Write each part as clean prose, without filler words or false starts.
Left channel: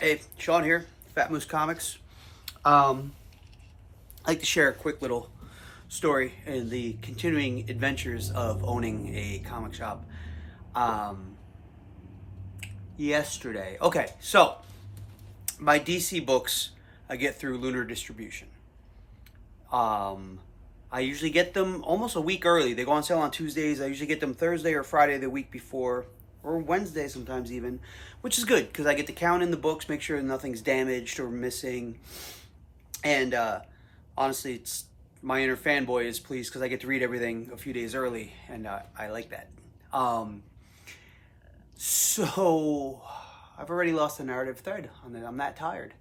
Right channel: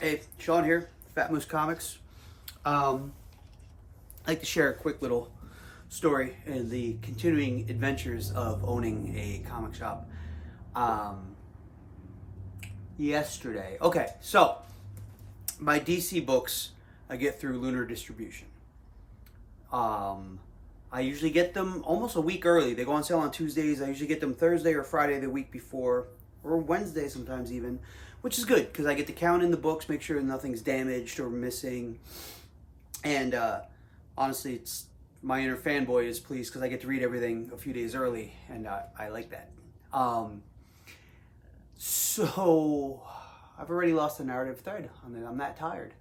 Hey, Sean here, Fat Moose Comics. I'd like to share a quick little story in the continuing adventures of owning a comic shop. Um, Yesterday, okay, so my DC books I get through Lunar Distribution. I usually get them almost a week early. They go on sale on Tuesdays. I usually get them Thursday or Friday the week before, or Wednesday sometimes even, which is good because I get to count in the books, make sure nothing's damaged or missing. And honestly, it's my inner fanboy is pleased because I get to read everything a few days early, and I like that. So I've already lost the narrative thread on it. I'm that tired.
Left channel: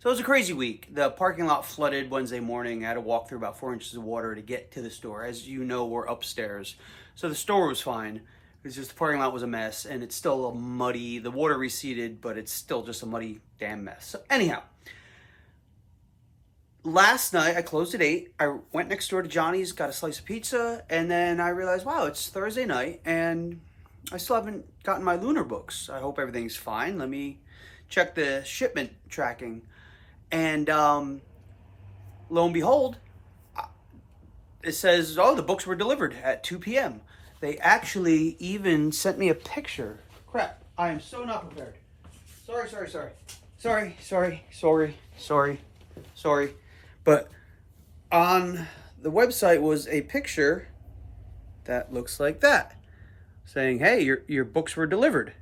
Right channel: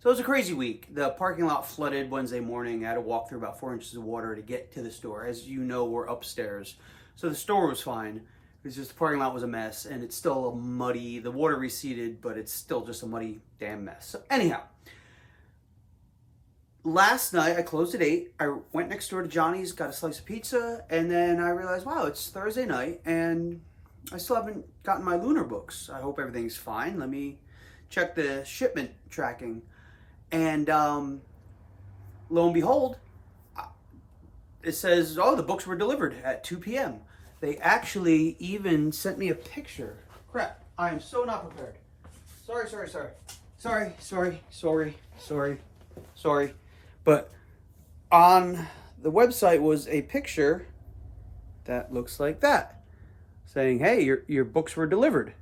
So it was a crazy week. The parking lot flooded Wednesday morning. I had to walk through about 4 inches of water to get to the store. As you know, we're upstairs. So the store was fine. It was just the parking lot was a mess, and it's still a muddy, the water receded, but it's still just a muddy damn mess. So anyhow, last night I closed at 8. I went next door to Johnny's, got a slice of pizza, and then I realized, wow, it's Thursday night, and I still haven't gotten my Lunar books. I hope everything's fine. Let me check the shipment tracking. And lo and behold, it says, oh, the books were delivered at 2 p.m. They actually even sent me a picture. Crap, I am so not prepared. Sorry. But on the website was a picture that looks like that, saying, hey, your books were delivered.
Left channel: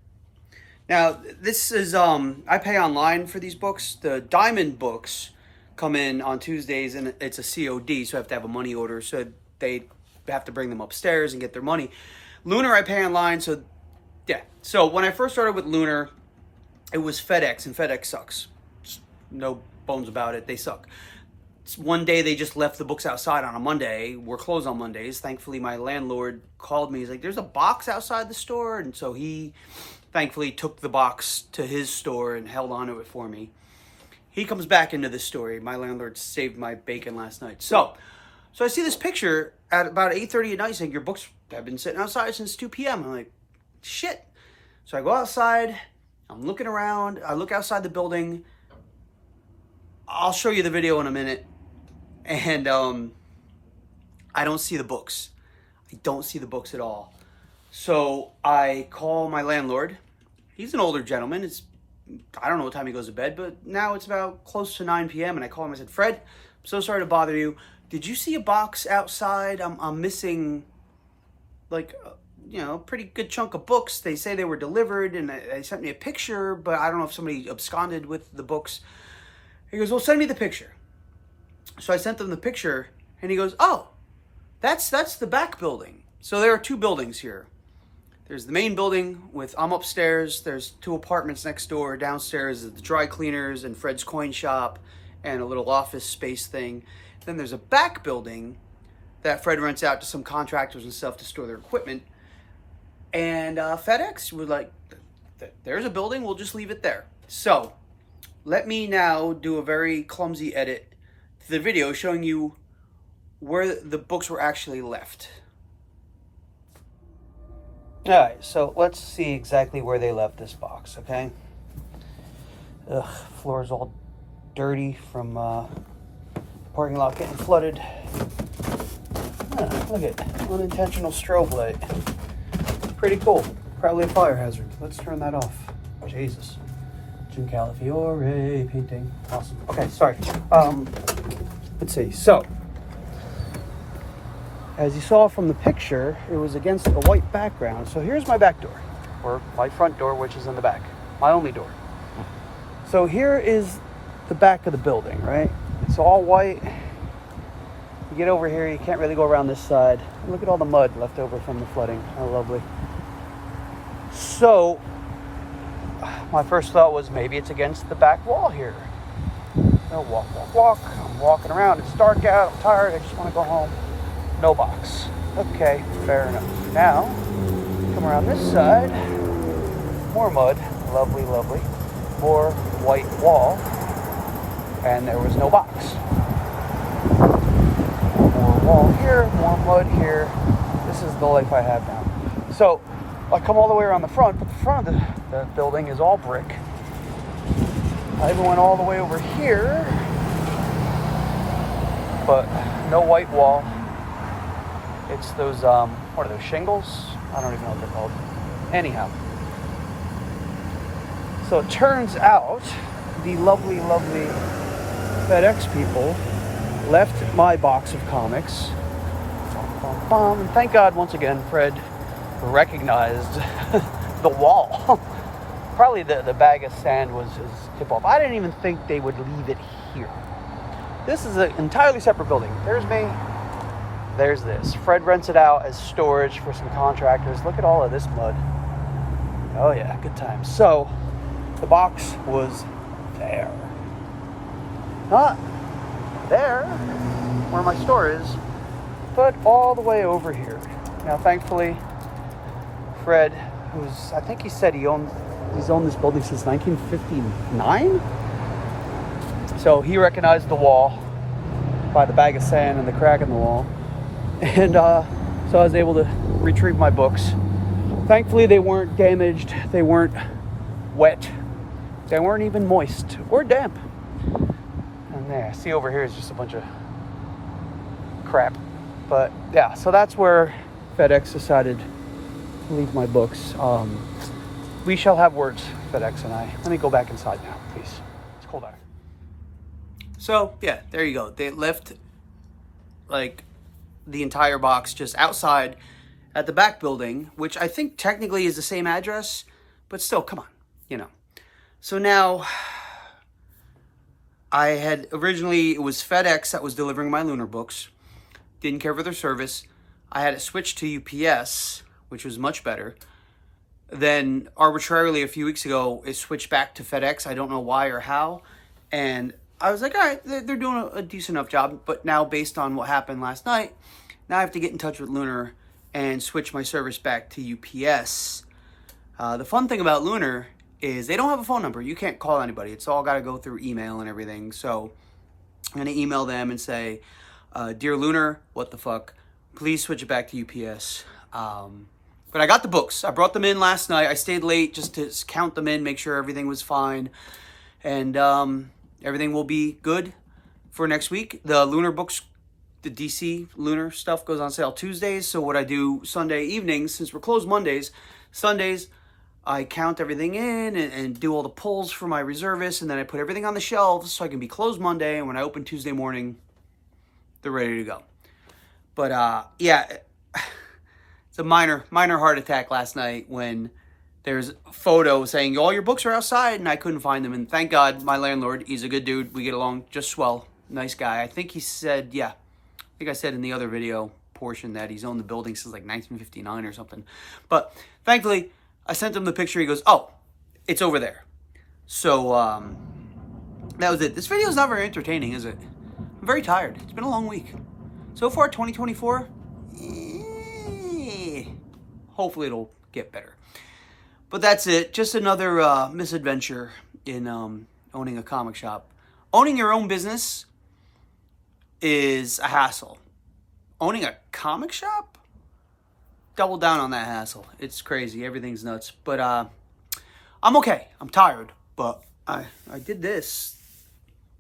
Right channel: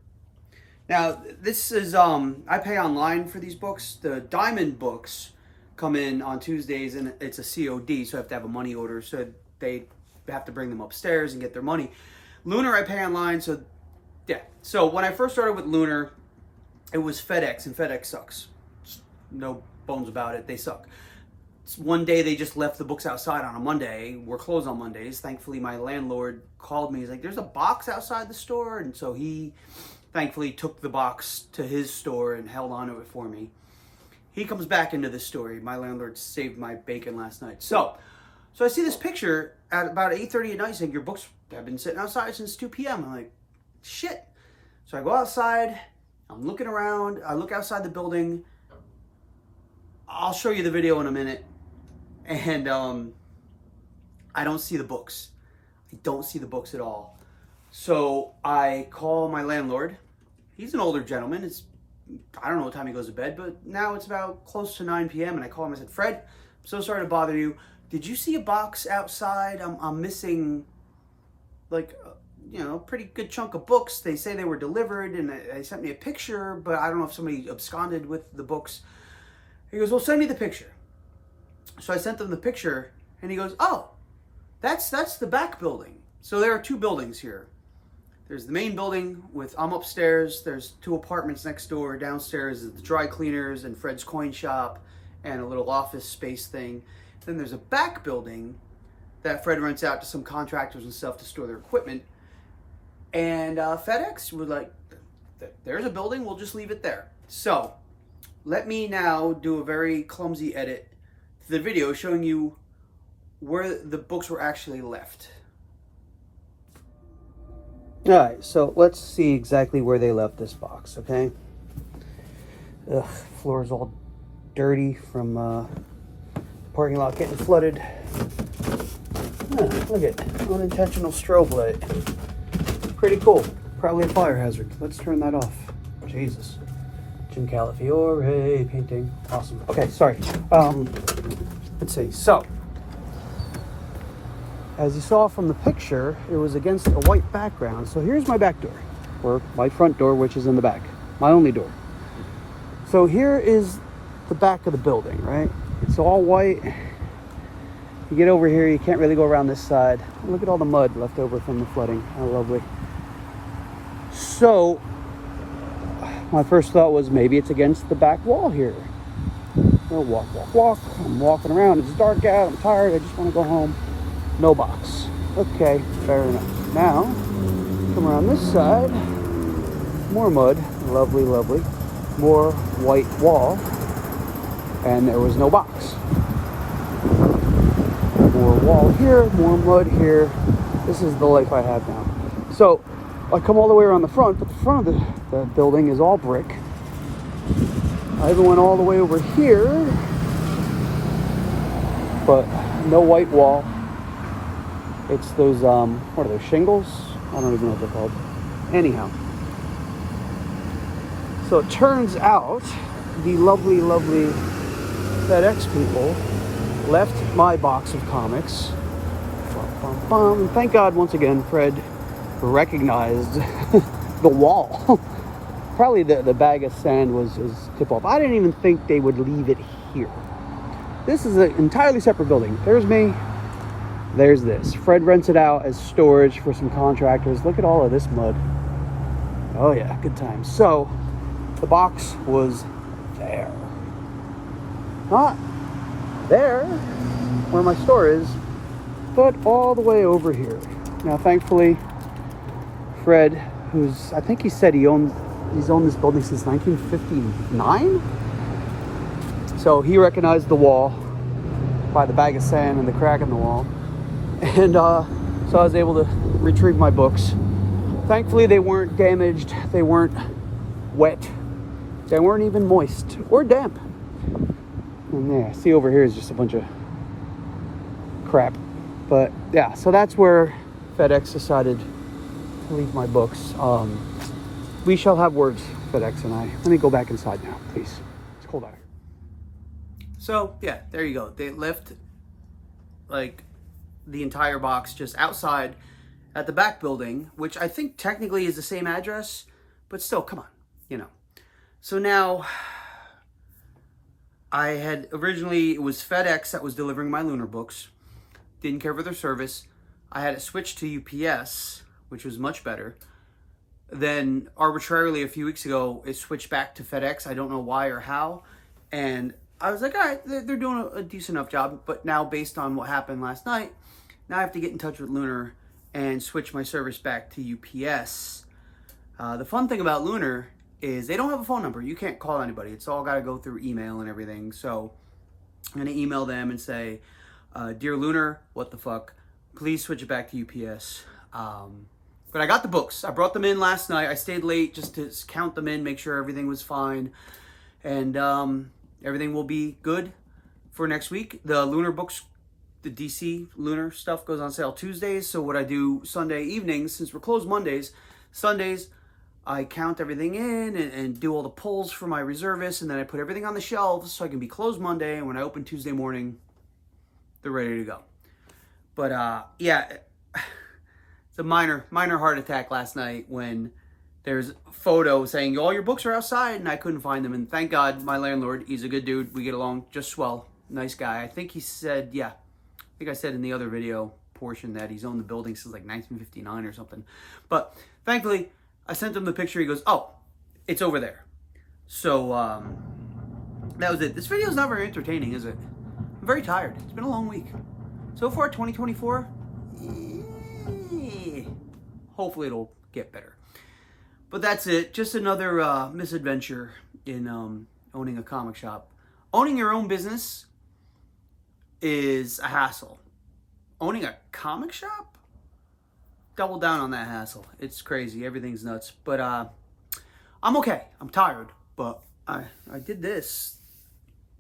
Now, this is, I pay online for these books. The Diamond books come in on Tuesdays, and it's a COD, so I have to have a money order, so they have to bring them upstairs and get their money. Lunar, I pay online, so, yeah. So, when I first started with Lunar, it was FedEx, and FedEx sucks. Just no bones about it, they suck. One day, they just left the books outside on a Monday. We're closed on Mondays. Thankfully, my landlord called me. He's like, there's a box outside the store, and so he thankfully took the box to his store and held onto it for me. He comes back into this story. My landlord saved my bacon last night. So I see this picture at about 8:30 at night saying your books have been sitting outside since 2 p.m. I'm like, shit. So I go outside. I'm looking around. I look outside the building. I'll show you the video in a minute. And I don't see the books. I don't see the books at all. So I call my landlord. He's an older gentleman. I don't know what time he goes to bed, but now it's about close to 9 p.m. And I call him. I said, Fred, I'm so sorry to bother you. Did you see a box outside? I'm missing, like, a pretty good chunk of books. They say they were delivered, and they sent me a picture, but I don't know if somebody absconded with the books. He goes, well, send me the picture. So I sent them the picture, and he goes, oh, that's the back building. So there are two buildings here. There's the main building I'm upstairs. There's two apartments next door. Downstairs is the dry cleaners and Fred's coin shop and a little office space thing. Then there's a back building that Fred rents out to some contractors and stuff to store their equipment. And FedEx was like, there's a building, we'll just leave it there. So let me now do a very clumsy edit to the video showing you where the books were actually left. All right, so let's see exactly where they left this box, okay? Ugh, floor's all dirty from parking lot getting flooded. Look at unintentional strobe light. Pretty cool. Probably a fire hazard. Let's turn that off. Jesus. Jim Calafiore painting. Awesome. Okay, sorry. Let's see. So, as you saw from the picture, it was against a white background. So here's my back door, or my front door, which is in the back. My only door. So here is the back of the building, right? It's all white. You get over here, you can't really go around this side. Look at all the mud left over from the flooding. How lovely. So, my first thought was maybe it's against the back wall here. No, walk. I'm walking around. It's dark out. I'm tired. I just want to go home. No box. Okay, fair enough. Now, come around this side. More mud. Lovely. More white wall. And there was no box. More wall here, more mud here. This is the life I have now. So, I come all the way around the front, but the front of the building is all brick. I even went all the way over here, but no white wall. It's those, what are those, shingles? I don't even know what they're called. Anyhow. So it turns out the lovely, lovely FedEx people left my box of comics. And thank God, once again, Fred recognized the wall. Probably the bag of sand was his tip-off. I didn't even think they would leave it here. This is an entirely separate building. There's me. There's this. Fred rents it out as storage for some contractors. Look at all of this mud. Oh yeah, good times. So the box was there. Not there, where my store is, but all the way over here. Now, thankfully, Fred, who's, I think he said he's owned this building since 1959. So he recognized the wall by the bag of sand and the crack in the wall. And so I was able to retrieve my books. Thankfully, they weren't damaged. They weren't wet. They weren't even moist or damp. And there, see over here is just a bunch of crap. But yeah, so that's where FedEx decided to leave my books. We shall have words, FedEx and I. Let me go back inside now, please. It's cold out. So yeah, there you go. They left like the entire box just outside at the back building, which I think technically is the same address, but still, come on, you know. So now, I had originally, it was FedEx that was delivering my Lunar books. Didn't care for their service. I had it switched to UPS, which was much better. Then arbitrarily a few weeks ago, it switched back to FedEx. I don't know why or how. And I was like, all right, they're doing a decent enough job. But now, based on what happened last night, now I have to get in touch with Lunar and switch my service back to UPS. The fun thing about Lunar is they don't have a phone number. You can't call anybody. It's all got to go through email and everything. So I'm going to email them and say, Dear Lunar, what the fuck? Please switch it back to UPS. But I got the books. I brought them in last night. I stayed late just to count them in, make sure everything was fine. And everything will be good for next week. The Lunar books, the DC Lunar stuff goes on sale Tuesdays. So what I do Sunday evenings, since we're closed Mondays, Sundays, I count everything in and do all the pulls for my reservists. And then I put everything on the shelves so I can be closed Monday. And when I open Tuesday morning, they're ready to go. But yeah, it's a minor heart attack last night when there's a photo saying all your books are outside and I couldn't find them. And thank God my landlord, he's a good dude. We get along just swell. Nice guy. I think he said, yeah, I think I said in the other video portion that he's owned the building since like 1959 or something. But thankfully, I sent him the picture. He goes, oh, it's over there. So that was it. This video is not very entertaining, is it? I'm very tired. It's been a long week. So far, 2024, hopefully it'll get better. But that's it. Just another misadventure in owning a comic shop. Owning your own business is a hassle. Owning a comic shop? Double down on that hassle. It's crazy. Everything's nuts. But I'm okay. I'm tired. But I did this.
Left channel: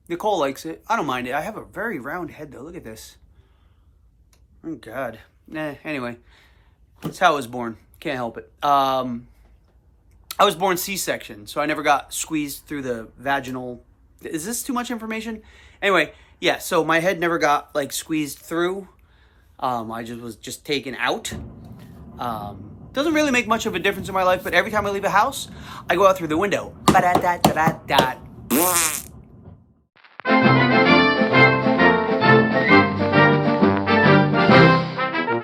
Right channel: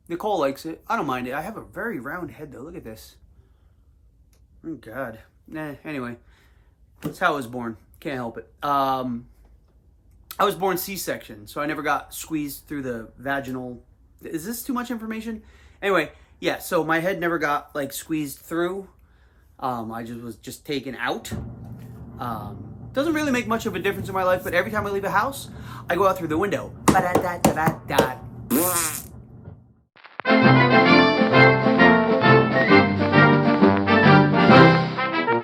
Nicole likes it. I don't mind it. I have a very round head, though. Look at this. Oh, God. Anyway. That's how I was born. Can't help it. I was born C-section, so I never got squeezed through the vaginal... Is this too much information? Anyway, yeah, so my head never got, like, squeezed through. I was just taken out. Doesn't really make much of a difference in my life, but every time I leave a house, I go out through the window. Ba-da-da-da-da-da.